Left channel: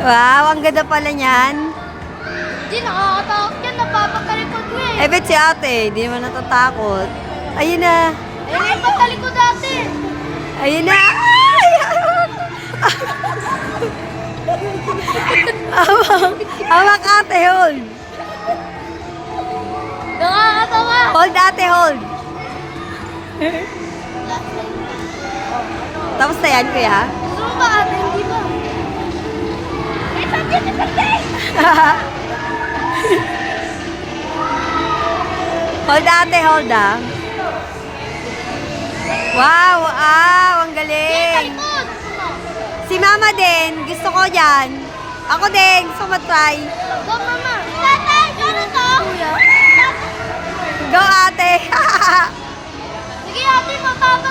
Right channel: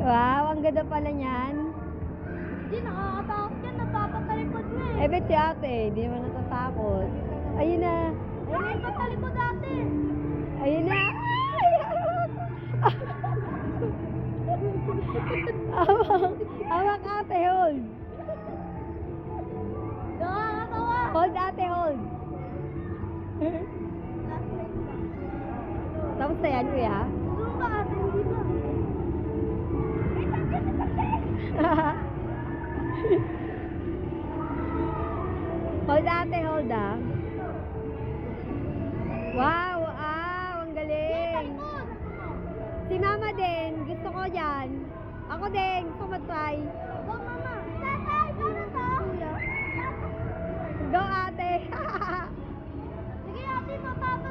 Wow, ang ganda pala niyan. Hindi, nakakatakot yan. Napapatalikod ko eh. Eh, bet si ate, di naman natatakot. Ayun na. Eh, may patalikod dati. Ayun na. Ay! Hawak ate, hold. Nakakatawa. Hold ate, hold. Tapos na yan, kuya. Gusto mo ba ate? Hindi ba? May sakit na sakit. Hold ate, hold ah. Wow, wow, ang galing. Talikod. Si mama din, gusto ko yan. Ako din, gusto ko matry. Go, mama. Tatay, gano'n to? Go ate.